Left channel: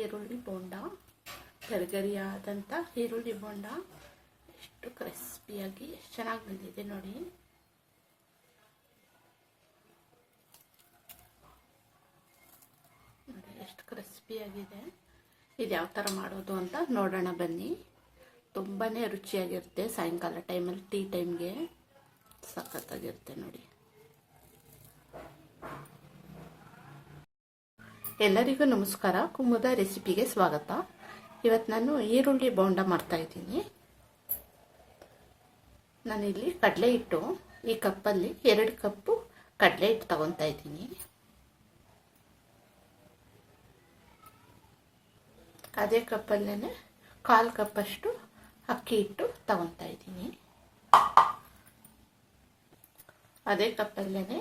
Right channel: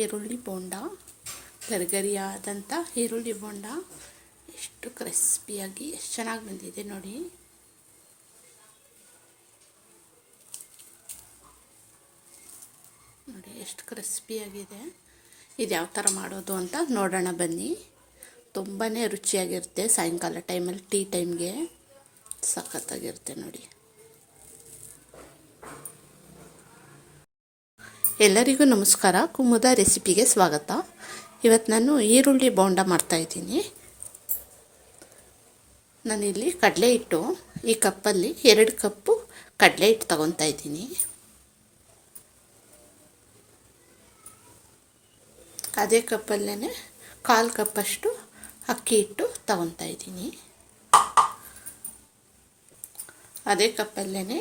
ಈರುಳ್ಳಿ ಬೋಂಡ, ಗರಿಗರಿಯಾದಂಥ ಈರುಳ್ಳಿ ಬೋಂಡ ಎಷ್ಟು ಕ್ರಿಸ್ಪಿಯಾಗಿ ಎಷ್ಟು ಚೆನ್ನಾಗಿ ಬಂದಿದೆ ನೋಡಿ. ನೋಡಿ ಎಷ್ಟು ಕ್ರಿಸ್ಪಿಯಾಗಿದೆ. ಇದು ಯಾವ ಥರ ಮಾಡೋದು ಅಂತ ನೋಡೋಣ ಬನ್ನಿ. ತುಂಬಾ ರುಚಿಯಾಗಿರುತ್ತೆ. ಸಾಯಂಕಾಲ ಟೈಮಲ್ಲಿ ಟೀ ಟೈಮ್ಗೆ ಸಖತ್ತಾಗಿರುತ್ತೆ ನೋಡಿ. ಎಲ್ಲರಿಗೂ ನಮಸ್ಕಾರ. ಕುಮುದ ರೆಸಿಪಿಗೆ ಸ್ವಾಗತ. ಇವತ್ತು ನಾನು ಈರುಳ್ಳಿ ಬೋಂಡ ಮಾಡ್ತಾಯಿದ್ದೀನಿ. ನಾನಿಲ್ಲಿ ಕಡಲೆ ಹಿಟ್ಟು, ಈ ಕಪ್ಪಲ್ಲಿ 2 ಕಪ್ಪು ಕಡಲೆ ಹಿಟ್ಟು ತಗೊತಾ ಇದ್ದೀನಿ. ಅದೇ ಕಪ್ಪಲ್ಲೇ 1/4 ಕಪ್ಪಷ್ಟು ಅಕ್ಕಿ ಹಿಟ್ಟು ತಗೊತಾ ಇದ್ದೀನಿ. ಅದೇ ಕಪ್ಪಲ್ಲೇ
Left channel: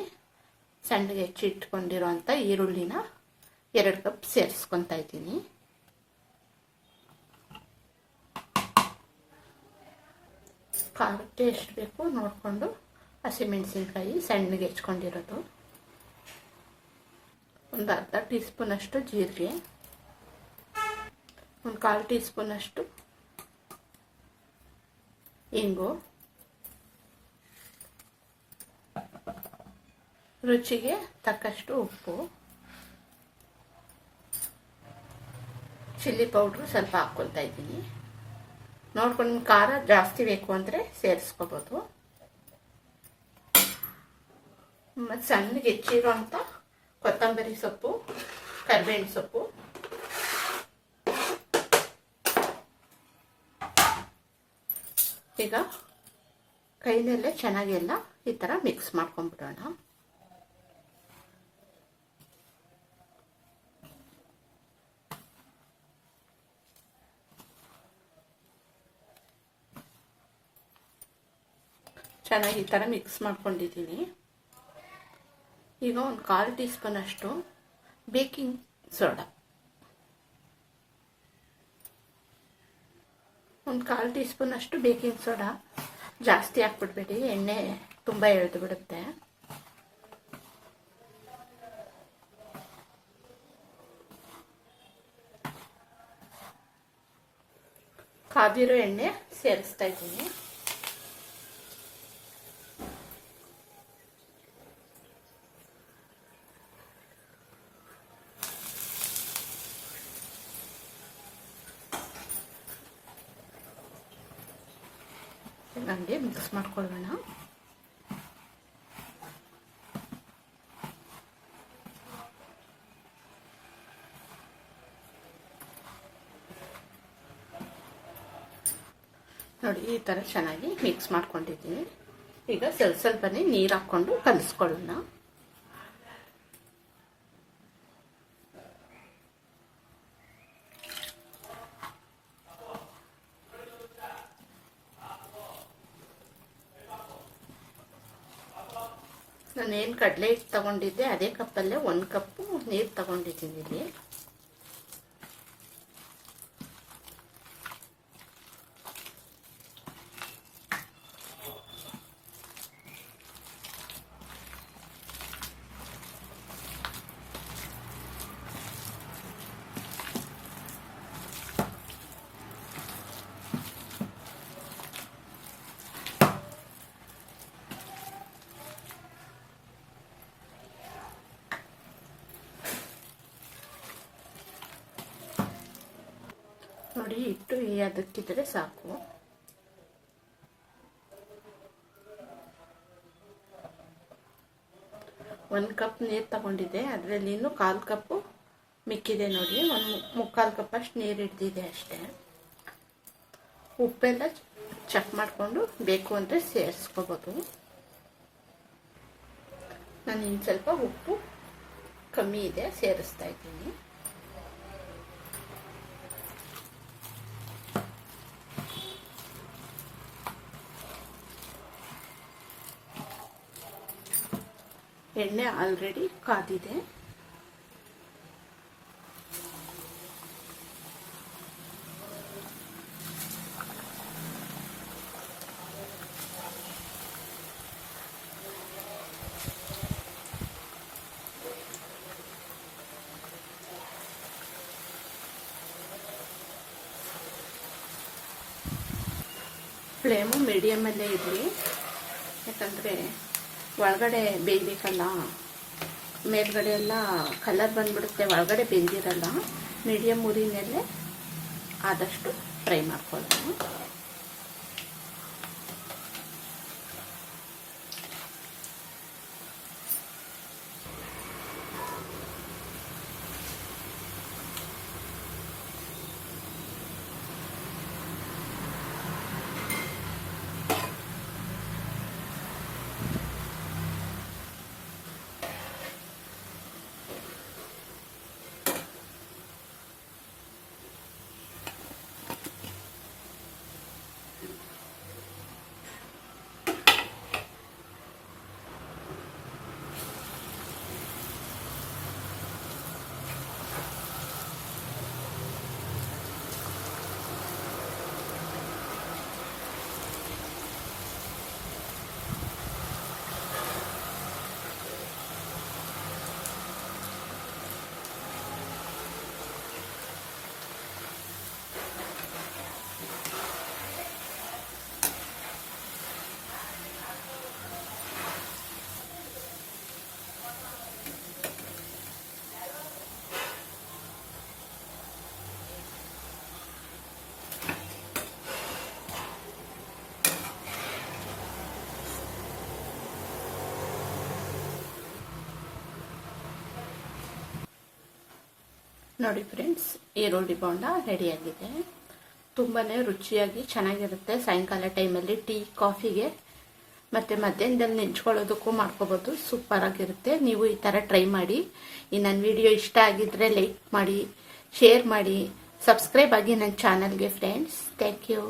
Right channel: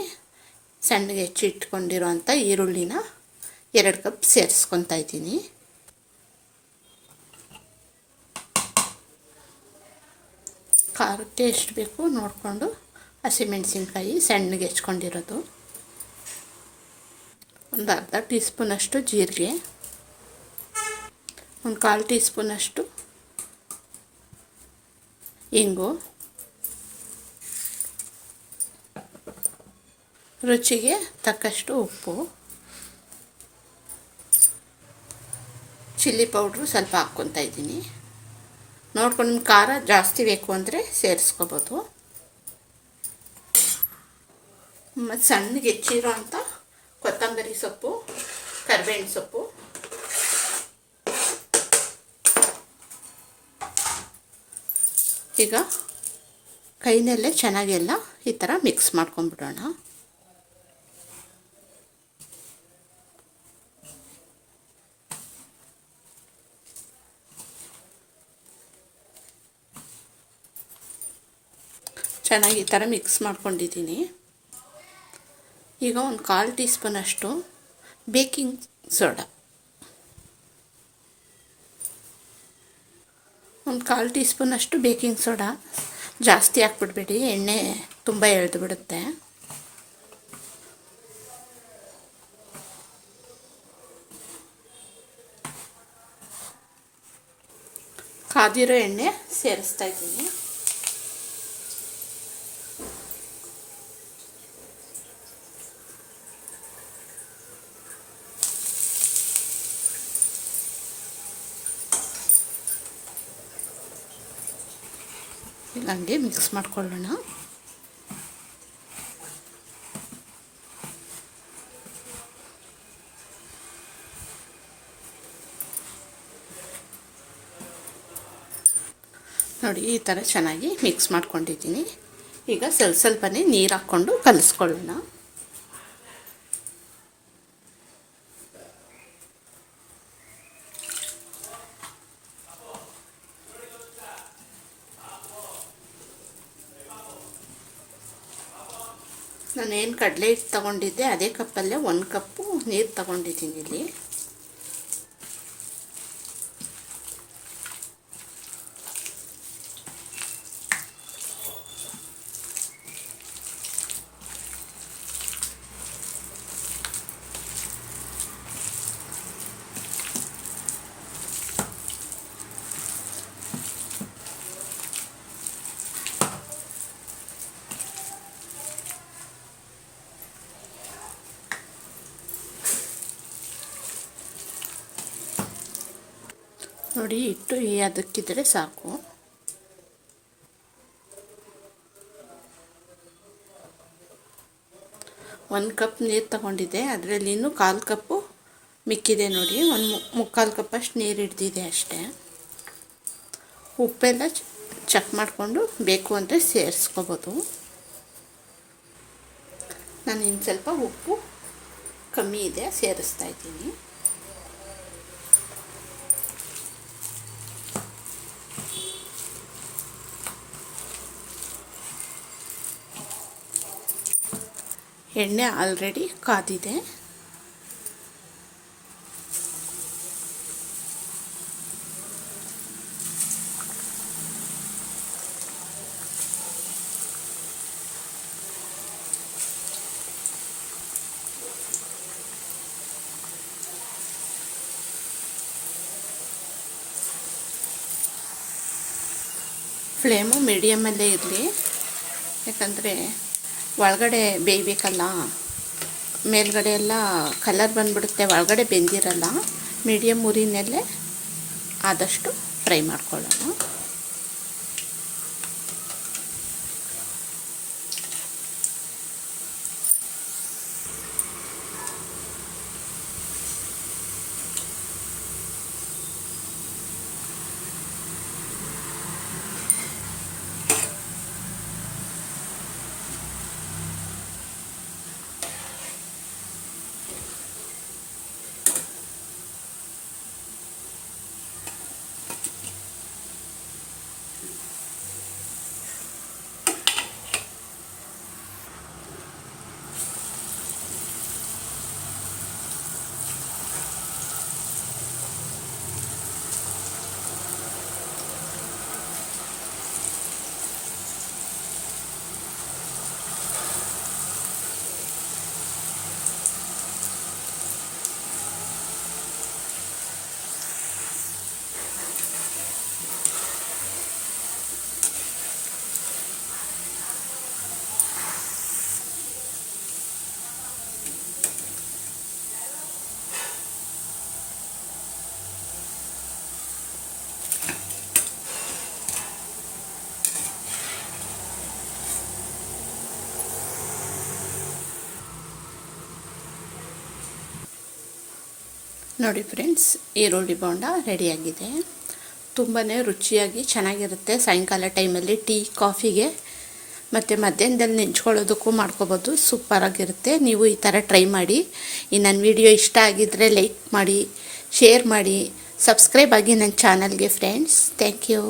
ಸಣ್ಣಗೆ ಹೆಚ್ಚಿಟ್ಕೊಂಡಿರೋಂಥ ಈರುಳ್ಳಿನ 2 ಕಪ್ ಸೇರಿಸ್ಕೊತಾ ಇದ್ದೀನಿ. ಖಾರಕ್ಕೆ ಎಷ್ಟು ಬೇಕು ನೋಡಿಕೊಂಡು ಹಸಿಮೆಣಸಿನ್ಕಾಯಿ ಸಣ್ಣಗೆ ಹೆಚ್ಕೊಂಡಿರೋದು, ಒಂದು ಅರ್ಧ ಟೀ ಸ್ಪೂನಷ್ಟು ಜೀರಿಗೆ, ಒಂದು 1/4 ಟೀ ಸ್ಪೂನಷ್ಟು ಇಂಗು, ರುಚಿಗೆ ತಕ್ಕಷ್ಟು ಉಪ್ಪು, ಚಿಲ್ಲಿ ಪೌಡ್ರು ಸ್ವಲ್ಪ ಹಾಕ್ಕೊತಾ ಇದ್ದೀನಿ. ನೋಡ್ಕೊಂಡು ನಿಮ್ಗೆ ಖಾರ ಜಾಸ್ತಿ ಬೇಕು ಅಂದರೆ ಸೇರಿಸ್ಕೋಬೋದು. ಮತ್ತು ಸಣ್ಣಗೆ ಹೆಚ್ಚಿರೋ ಅಂಥ ಕೊತ್ತಂಬರಿ ಸೊಪ್ಪು, ಕರಿಬೇವಿನ ಸೊಪ್ಪು, ಈಗ ಕೈನಲ್ಲೇ ಚೆನ್ನಾಗೆಲ್ಲ ಈ ಥರ ಮಿಕ್ಸ್ ಮಾಡ್ಕೊಂಬಿಡೋಣ. ಚೆನ್ನಾಗಿ ಈ ಥರ ಮಿಕ್ಸ್ ಮಾಡ್ಕೊಂಡಿದ್ದೀನಿ. ಈಗ ಒಂದು 1/4 ಟೀ ಸ್ಪೂನಷ್ಟು ಬೇಕಿಂಗ್ ಸೋಡಾ, ಒಂದು 1/4 ಟೀ ಸ್ಪೂನಷ್ಟು ಬೇಕಿಂಗ್ ಸೋಡಾ. ಜಾಸ್ತಿ ಹಾಕ್ಬಿಡ್ಬೇಡಿ, ಎಣ್ಣೆ ತುಂಬ ಎಳೆದು ಬಿಡುತ್ತೆ. ಕಾದಿರೋ ಎಣ್ಣೆ ಸೇರಿಸ್ತಾ ಇದ್ದೀನಿ. ಹಂಗೆ ಮಿಕ್ಸ್ ಮಾಡ್ಕೊಳ್ಳೋಣ. ನೋಡಿ ಈ ಥರ ಚೆನ್ನಾಗಿ ಮಿಕ್ಸ್ ಮಾಡ್ಕೊಂಡಿದ್ದೀನಿ. ಈಗ ಸ್ವಲ್ಪನೇ ನೀರು ಹಾಕ್ಕೊಂಡು ಕಲಿಸ್ಕೊಳ್ಳೋಣ. ನಾನೇನು ಕಡಲೆ ಹಿಟ್ಟು ತೊಗೊಂಡಿದ್ದೆ ಅದೇ ಕಪ್ಪಲ್ಲೇ 1 ಕಪ್ಪು ನೀರು ತೊಗೊಂಡಿದ್ದೀನಿ. ಇಲ್ಲಿ ನೋಡಿ ಹಿಟ್ಟು ಅದಕ್ಕಿದ್ರೆ ಸಾಕು. ಒಂದು ಕಪ್ ನೀರು ತಗೊಂಡಿದ್ದೆ, ಅದರಲ್ಲಿ ಇನ್ನೂ 1/4 ಕಪ್ಪು ಮಿಕ್ಕಿದೆ ನೋಡಿ. ಒಂದು 3/4 ಕಪ್ಪಷ್ಟು ನೀರು ಹಿಡ್ದಿದೆ ಅಷ್ಟೇ. ಉಪ್ಪೆಲ್ಲ ಚೆಕ್ ಮಾಡಿಕೊಂಡು ಬೇಕು ಅಂದರೆ ಸೇರಿಸ್ಕೋಬೋದು. ನಾನು ಇನ್ನು ಸ್ವಲ್ಪ ಉಪ್ಪು ಕಮ್ಮಿ ಇದೆ ಸೇರಿಸ್ತಾ ಇದ್ದೀನಿ. ಎಣ್ಣೆ ಆಲ್ರೆಡಿ ಕಾದಿದೆ. ಫ್ಲೇಮು ಮೀಡಿಯಮಲ್ಲೇ ಇರಲಿ, ಯಾಕಂದರೆ ಒಳಗಡೆ ಬೇಯಬೇಕಲ್ಲ, ಮೇಲ್ಗಡೆ ಎಲ್ಲ ಕಲರ್ ಬಂದುಬಿಡುತ್ತೆ, ಒಳಗಡೆ ಬೆಂದಿರಲ್ಲ. ಮೀಡಿಯಮ್ ಉರಿನಲ್ಲೇ ಆದಷ್ಟು ಫ್ರೈ ಮಾಡ್ಕೊಳ್ಳೋಣ. ನೋಡಿ ಫ್ರೆಂಡ್ಸ್, ಈರುಳ್ಳಿ ಬೋಂಡ ರೆಡಿಯಾಗಿದೆ. ತುಂಬಾ ರುಚಿಯಾಗಿ ಚೆನ್ನಾಗಿರುತ್ತೆ. ಸಾಯಂಕಾಲ ಟೈಮಲ್ಲಿ ಟೀ ಕಾಫಿಗೆ ಮತ್ತು ಮಧ್ಯಾಹ್ನದಲ್ಲಿ ನೆಂಚ್ಕೊಳ್ಳೋದಕ್ಕೂ ಮಾಡ್ಕೋಬೋದು. ಸೂಪರಾಗಿರುತ್ತೆ. ನೀವು ಈ ಥರ ಟ್ರೈ ಮಾಡಿ. ಈ ನನ್ನ ವಿಡಿಯೋ ಇಷ್ಟ ಆಗಿದ್ದರೆ ಲೈಕ್ ಮಾಡಿ, ಶೇರ್ ಮಾಡಿ, ಸಬ್ಸ್ಕ್ರೈಬ್ ಆಗಿ ನನ್ನ ಚಾನಲ್ಗೆ ಫ್ರೆಂಡ್ಸ್. Thank you.